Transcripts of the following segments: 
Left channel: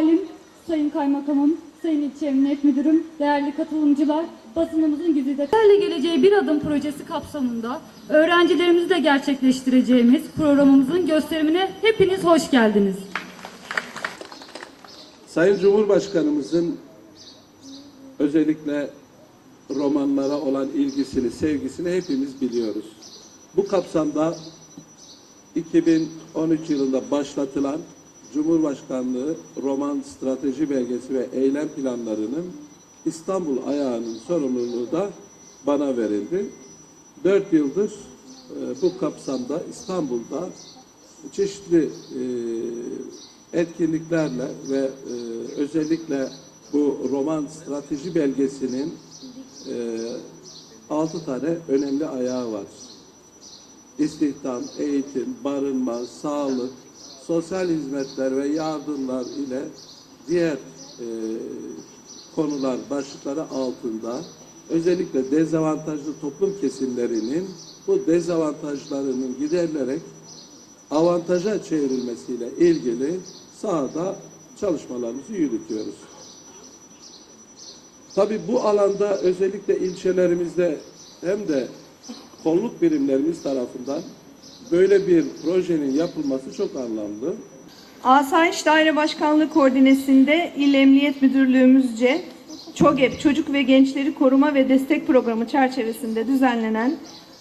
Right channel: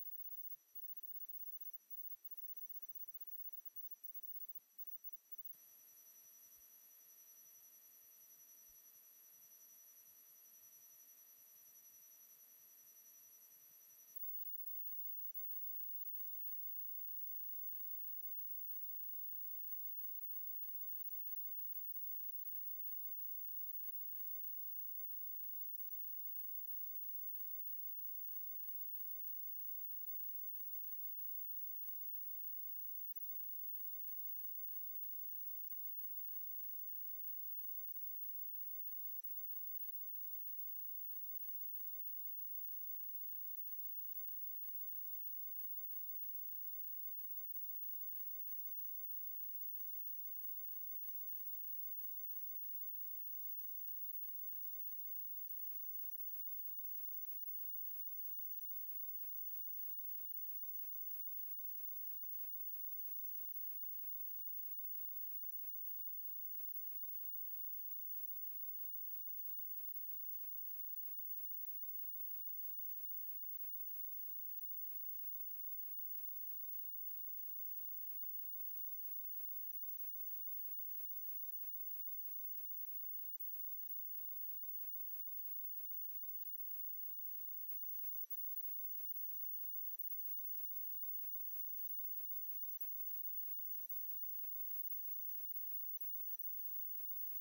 Valim, Sayın Kaymakamım, Sayın İlçe Emniyet Müdürüm, değerli katılımcılar, basınımızın güzide Değerli Geleceğe Bir Adım projesi kapsamında öğrencilerimizle gerçekleştireceğimiz programımızın gösterimine hepiniz hoş geldiniz. Sayın Cumhurbaşkanımızın özellikle romanlara olan ilgisini, sevgisini hepimiz biliyoruz. Bu kapsamda 2013 yılında başlatılan Cumhurbaşkanlığı Roman Strateji Belgesi ve Eylem Planlarının İstanbul ayağının sorumluluğu da bana verildi. Dört yıldır e, bu kapsamda İstanbul'da çeşitli e, etkinliklerle ve e, özellikle bu roman strateji belgesinin e, altı tane önemli ayağı var. İstihdam, eğitim, barınma, sağlık, sosyal hizmetler ve yardımlar ile diğer e, konular, başlıkları altında özellikle dezavantajlı toplum kesimlerinin bu dezavantajlarının giderilerek avantaja çevrilmesiyle ilgili sahada çalışmalarımızı yürütüyoruz. Tabii bu alanda özellikle ilçelerimizde hem de kolluk birimlerimiz tarafından böyle bir projenin yapılması çok anlamlı. Asayiş Daire Başkanlığı koordinesinde İl Emniyet Müdürlüğümüzce ÇOGEP Çocuk ve Gençleri Koruma ve Destek Programı çerçevesinde düzenlenen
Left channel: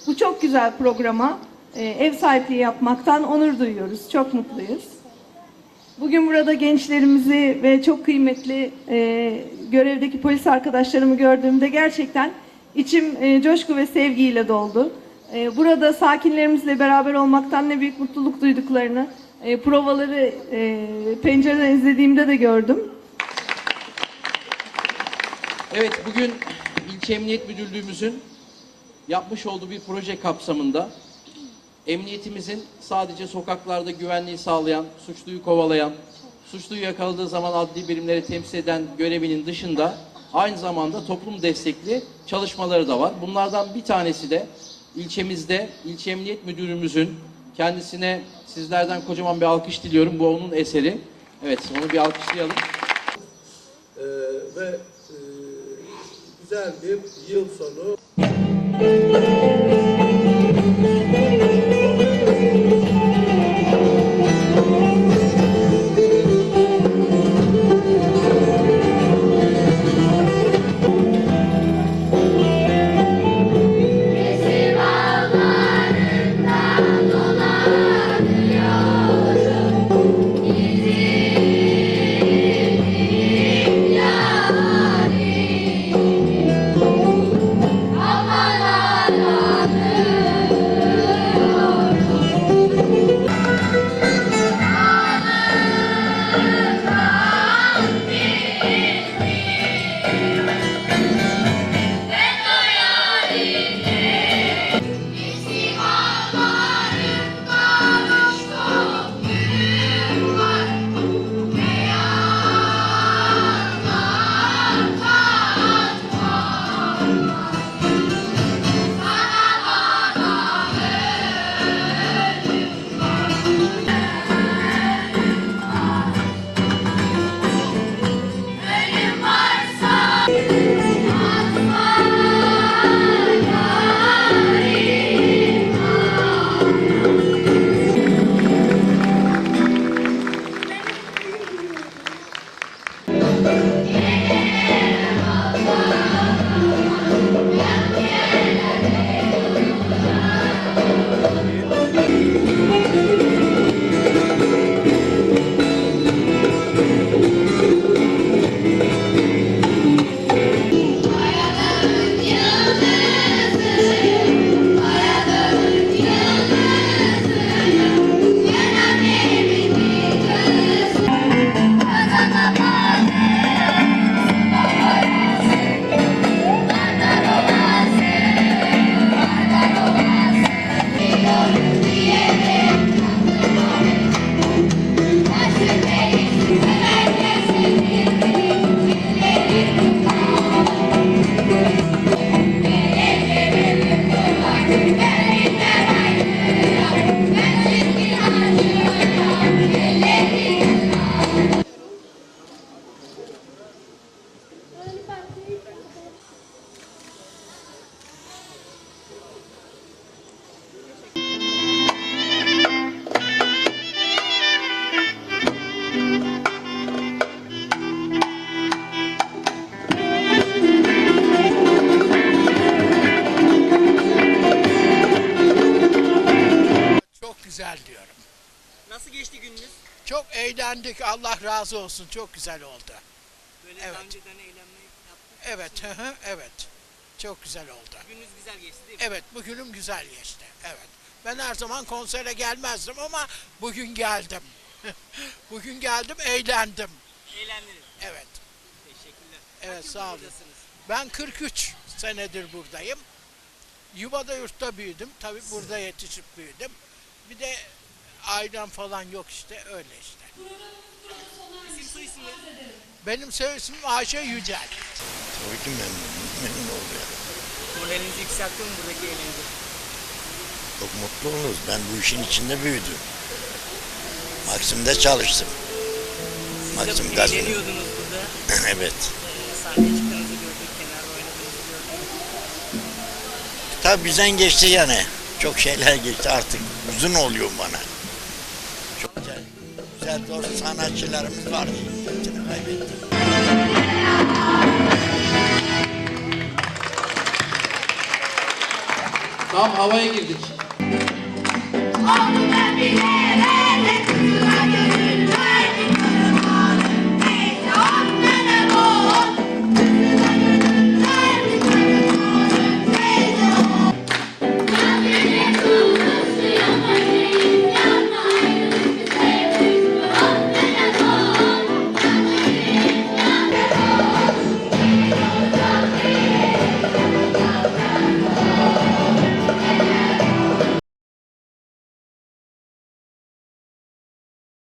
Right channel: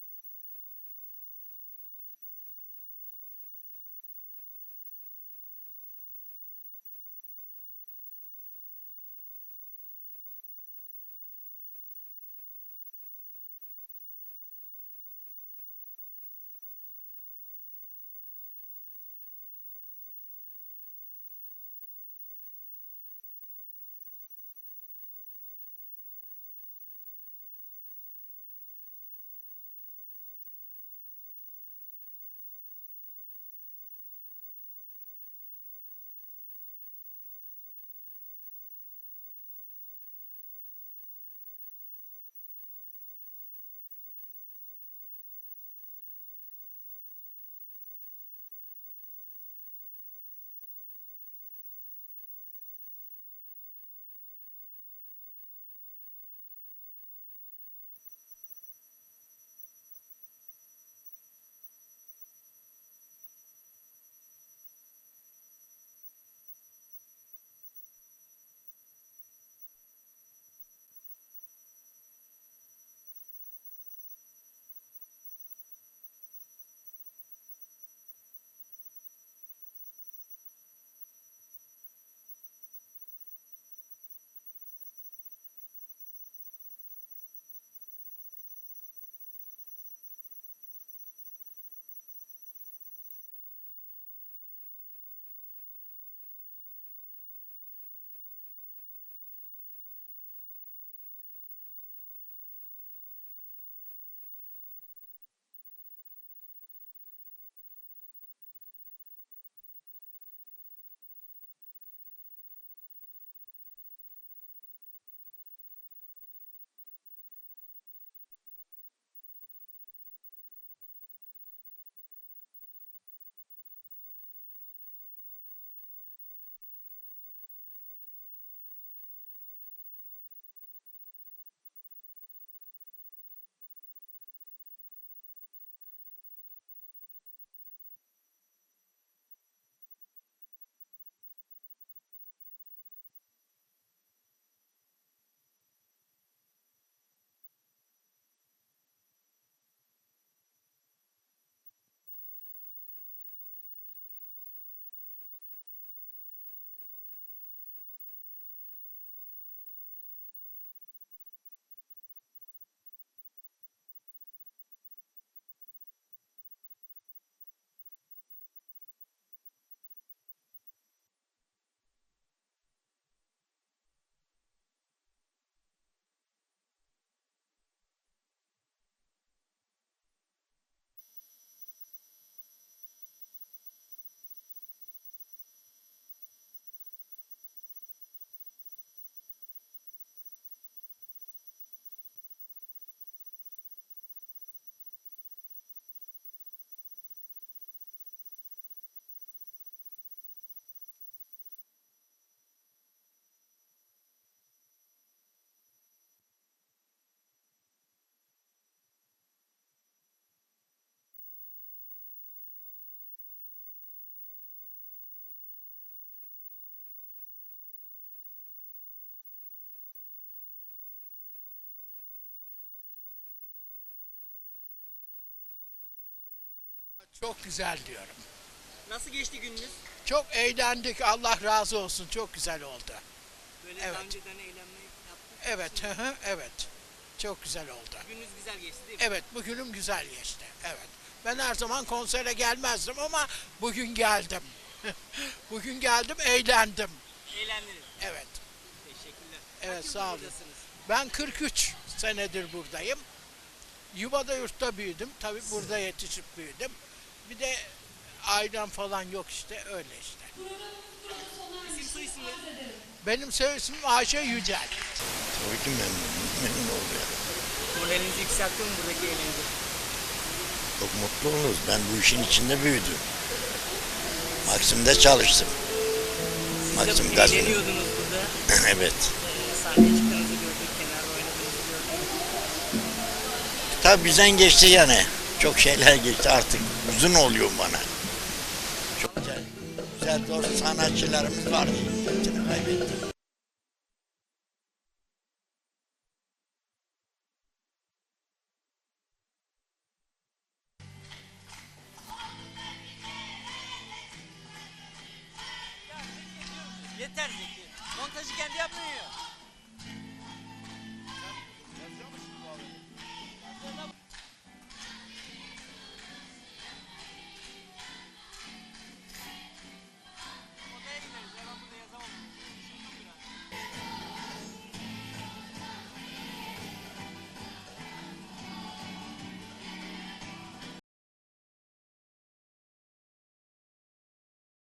bu çok güzel programa e, ev sahipliği yapmaktan onur duyuyoruz. Çok mutluyuz. Bugün burada gençlerimizi ve çok kıymetli e, görevdeki polis arkadaşlarımı gördüğümde gerçekten içim e, coşku ve sevgiyle doldu. E, burada sakinlerimizle beraber olmaktan ne büyük mutluluk duyduklarını e, provaları e, pencereden izlediğimde de gördüm. Evet, bugün İlçe Emniyet Müdürlüğümüzün yapmış olduğu bir proje kapsamında emniyetimizin sadece sokaklarda güvenliği sağlayan, suçluyu kovalayan, suçluyu yakaladığı zaman adli birimleri temsil eden görevinin dışında aynı zamanda toplum destekli çalışmaları da var. Bunlardan bir tanesi de ilçemizde İlçe Emniyet Müdürümüzün kendisine sizlerden kocaman bir alkış diliyorum. Bu onun eseri. Evet, onu bir alkışlayalım. Ee, ve e, güzel bir yıl sonu Çok eğlendik. Allah razı olsun. Çok güzel oldu. Böyle Evet. daha önceden eğlenme yaptık. Evet, hı hı, evet. Çok güzel oldu. Gününüz güzel geçti değil mi? Evet, bugünüm güzel geçti. Evet. Ben her zaman konsere gelmezdim ama bugün geldim. bugün geldim, eğlendim. Eğlendiniz. Evet. Teşekkürler. Evet, yıldır sağ olun. buradasınız? Ben 43 senedir buradayım. Yuvada yurtta büyüdüm. Tabii burada yetişip büyüdüm. Bir de ailem falan yok işte. Öyle işte. İsim. Benim soy ismim Ayşe Yücel. Tabii ki memnun, memnun oluyor. Moralinizi yükseltti mi buradaki eğlence? Çok mutlu oluruz. Ben bu işin içinde büyüdüm. Maksim'de çalıştım. Siz Maksim de Gazino. eğleniyordunuz burada. evet. Ee, sahneye çıktığınızı gördük, kenar oynadığınızı gördük. Tabii bizden geçti yani. Çok şeyler geçti artık. Uzun oluyor bana. Çok güzel. Güzel doğru sanatçılarımız vardı. Hepsini kaybettik. Tam havaya girdik. Bile